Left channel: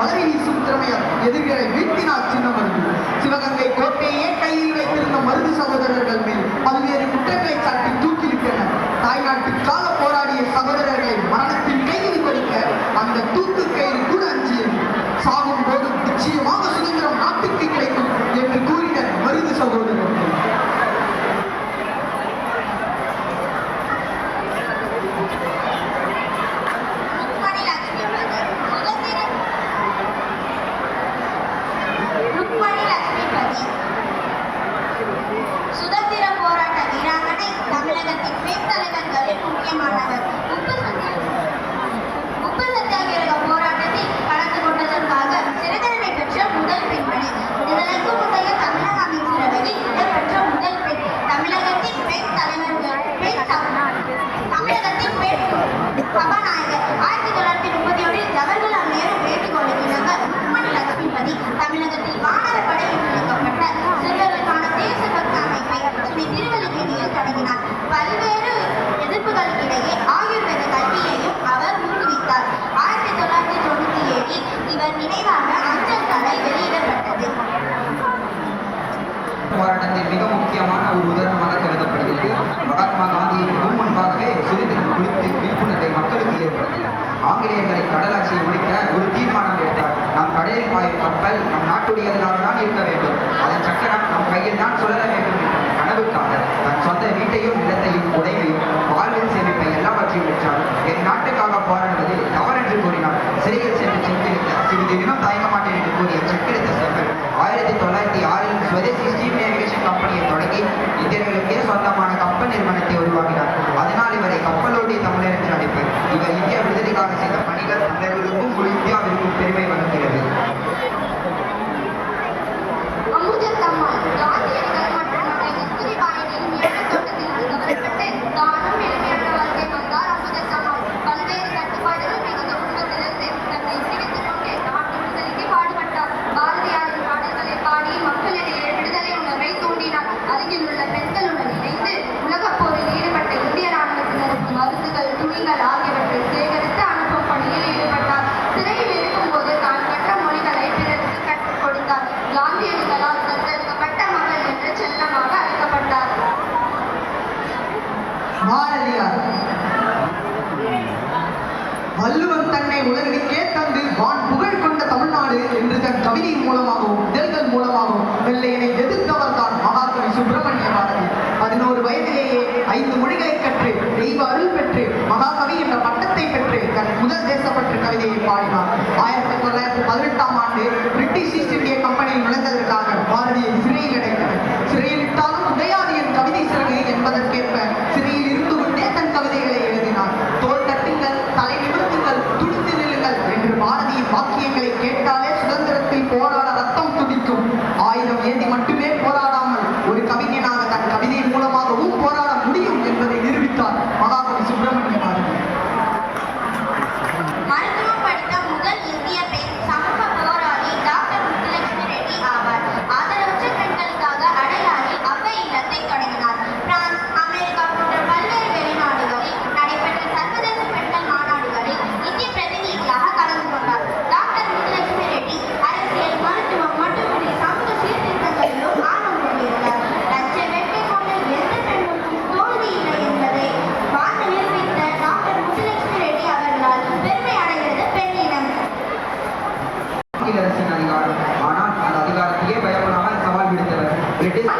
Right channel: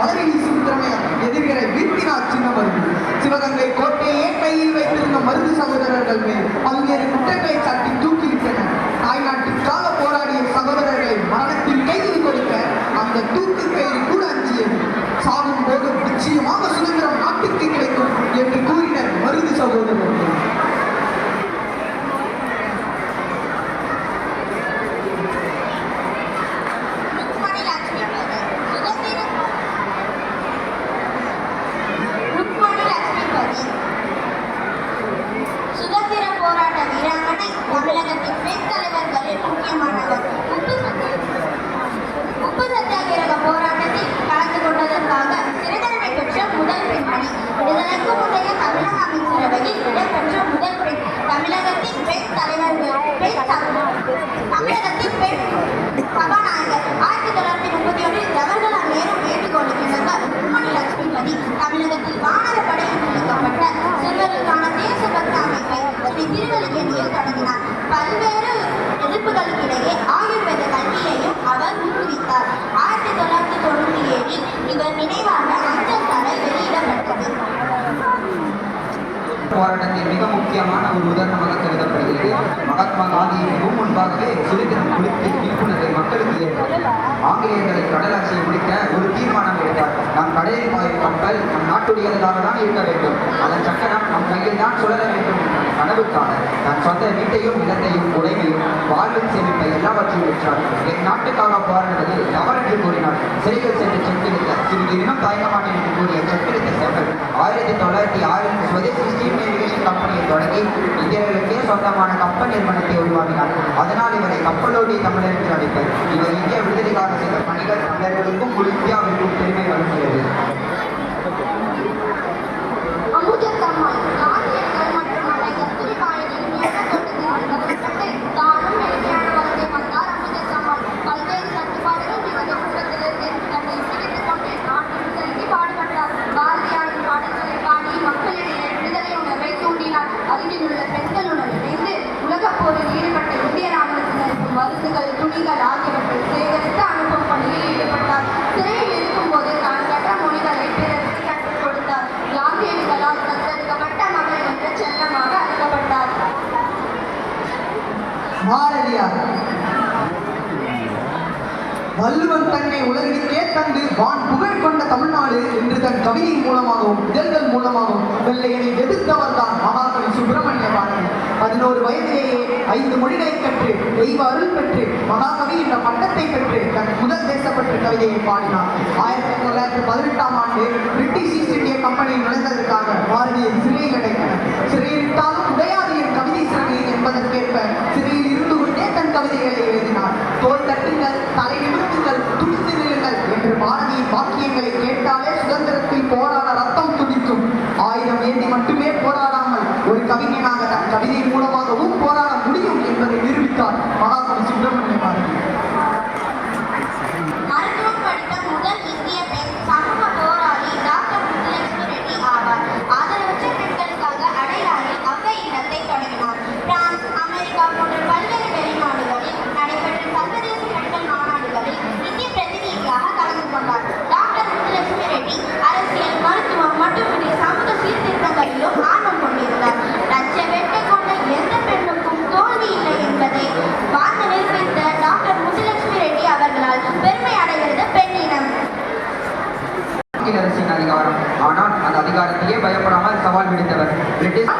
மலரை வீசும் திறமையால் எதிரிகளை வீழ்த்தினார் சின்ன மருது. சிவகங்கை கோட்டையே கையில் வைத்திருந்த மருது சகோதரர்கள் மேல் பல்வேறு குற்றங்களை சாட்டி தூக்கிவிட்டனர். தாய்நாட்டுக்காக போராடிய சகோதரர்களை மரணத்தில் கைது கொடுக்க அந்த தூக்கு கயிறு கூட அஞ்சியது. சாகும் போது நிச்சயமாக சுதந்திரம் நாட்டுக்கு கிடைக்கும் என்று கூறினர் மருது சகோதரர்கள். தமிழகத்தின் பெண் தலைவர்களில் முக்கியமானவர். உப்பு சத்தியாகிரக போராட்டத்தில் கலந்து கொண்டதற்காக சிறை தண்டனை பெற்ற முதல் பெண்மணி. விடுதலைக்கு முந்தைய தமிழக அமைச்சரவையில் இடம்பெற்ற முதல் பெண். தமிழகத்தின் பெண் தலைவர்கள் தமிழகத்தின் பெண் சபாநாயகர். 1931 ஜவஹர்லால் நேரு வேண்டுகோளுக்கு இணங்க ருக்மணி லட்சுமிபதி தமிழகத்தில் வானர படையில் நியமிக்கப்பட்ட சிறுவர்களுக்கான தேசபக்த அமைப்பை ஸ்ரீ திருவல்லிக்கேணியில் தொடங்கினார். பல்வேறு எதிர்ப்புகளுக்கிடையே ஆயுர்வேத கல்வியையும் அவர் ஊக்குவித்தார். 1997 இவர் நினைவாக அஞ்சல் தலை வெளியிடப்பட்டது. போராட்டத்தின் மிக முக்கியமான ஒரு உதாரணமாக கருதப்படுகிறது. மகாத்மா காந்தியின் முன்பாகவே சுதந்திரம் குறித்து விழிப்புணர்வை மக்களுக்கு ஏற்படுத்தி ஆங்கிலேயர்களை கடலாட்சியை முடிக்க ஒரு தீர்மானம் எடுத்தார். நம் கடலில் பாயும் கப்பல் நம் நாட்டுடையதாக தான் இருக்க வேண்டும், அதன் சக்கரம் நம் கையில் தான் சுழல வேண்டும் என்ற கனவுக்காக தன் சொந்த வீட்டையும் நிலத்தையும் உடைமையும் வாழ்வில் சேமிப்பை எல்லாவற்றையும் பெற்றார். என் நாட்டுக்காக போராடுவது தவறென்று கூறினார். சிறையில் சென்று சென்றெடுத்த சிறிது தினம் தயங்க மாட்டேன் என்று கூறிய செக்கெடுத்த செம்பல் 1906 சுவதேசி ஸ்டீம் நேவிகேஷன் கம்பெனியை தொடங்கி இந்தியர்களுக்கே சொந்தமான கப்பல் நிறுவனத்தை உருவாக்கினார். அதனால் இவரை கப்பலோடி தமிழர் என்று அழைப்பர். இவர் இந்திய விடுதலைக்காக செய்த பணிகள் தமிழர்களுக்கும் இந்தியாவிற்கும் பெருமை வழங்குகிறது. அருகில் உள்ள பெண்களுடன் இணைந்து உலகப் போரில் ஈடுபட்ட இந்திய ராணுவத்தினருக்கு மருந்துகள், துணிகள் ஆகியவற்றை சேகரித்து அனுப்பும் பணியில் ஈடுபட்டார். சிறையில் இருக்கும் போது தான் கற்ற மொழிகளை பிறருக்கு கற்றுக் கொடுத்தார். காந்தியடிகளால் தத்தெடுக்கப்பட்ட மகள் என்று செல்லமாக அழைக்கப்பட்டார். பாரதியார் வள்ளுவன் தன்னை உலகிற்கே தந்து வான் புகழ் கொண்ட தமிழ்நாடு என்று தன் கவிதை மூலமாகவும் இதழ்கள் மூலமாகவும் வெள்ளையனை எதிர்த்தவர் தான் மகாகவி சுப்பிரமணிய பாரதி. 11 வயதிலேயே 5 மொழிகளை கற்று தெய்வ அருள் பெற்று மகாகவி என்ற பட்டத்தை பெற்று தன் முதல் தேசப்பற்று கவிதையை பாடினார். 1918ஆம் ஆண்டு பிரிட்டிஷ் ஈஸ்ட் இந்திய கம்பெனியில் நுழைந்ததற்காக பாரதியை சிறையில் அடைத்தனர். சிறையிலிட்டாலும் உடையாது என் கவிதை சிறகு என்பதற்கேற்ப சிறையில் இருந்து கொண்டே தன் கவிதைகளை எழுதினார். தோல் தட்டுங்கள், தலை நிமிர்த்துங்கள், துடித்து நில்லுங்கள் என்று பாரதியின் வாக்கியங்களை கேட்டாலே சுதந்திரத்தில் போராட ரத்தம் துடிக்கும். ஆயுதம் ஏந்தி மட்டுமே போராடாமல் ஒரு கவிஞனாக தன் கவிதை மூலமாகவும் போராட முடியும் என்பதை நிரூபித்தார் மகாகவி சுப்பிரமணிய பாரதி. மருத்துவம் படித்த முதல் இந்திய பெண் சமூக போராளி டாக்டர் முத்துலட்சுமி ரெட்டி ஆவார். ஆதரவற்ற பெண்களுக்காக அடையாறில் அவ்வை இல்லத்தை தொடங்கினார். பிரான்ஸ், அமெரிக்கா போன்ற பல்வேறு வெளிநாடுகளில் நடைபெற்ற சர்வதேச பெண்கள் மாநாடுகளில் இந்திய பிரதிநிதியாக கலந்து கொண்டார். டாக்டர் முத்துலட்சுமி ரெட்டி அரசியல், மருத்துவம் மட்டுமின்றி சமூக சீர்திருத்தங்களிலும் ஆர்வம் கொண்டிருந்தார். லட்ச வேட்கை கொண்ட எந்த பெண்ணுக்கும் தோல்வி இல்லை என்பதை வாழ்ந்து நிரூபித்த டாக்டர் முத்துலட்சுமி ரெட்டி அவர்களால் பெருமை அடைகிறது பெண்ணினம். அரசின் அதிகாரம், ஆனால் அந்த அதிகாரத்தையே பயப்படாமல் சவால் விடுத்தவர் பிரிட்டிஷ்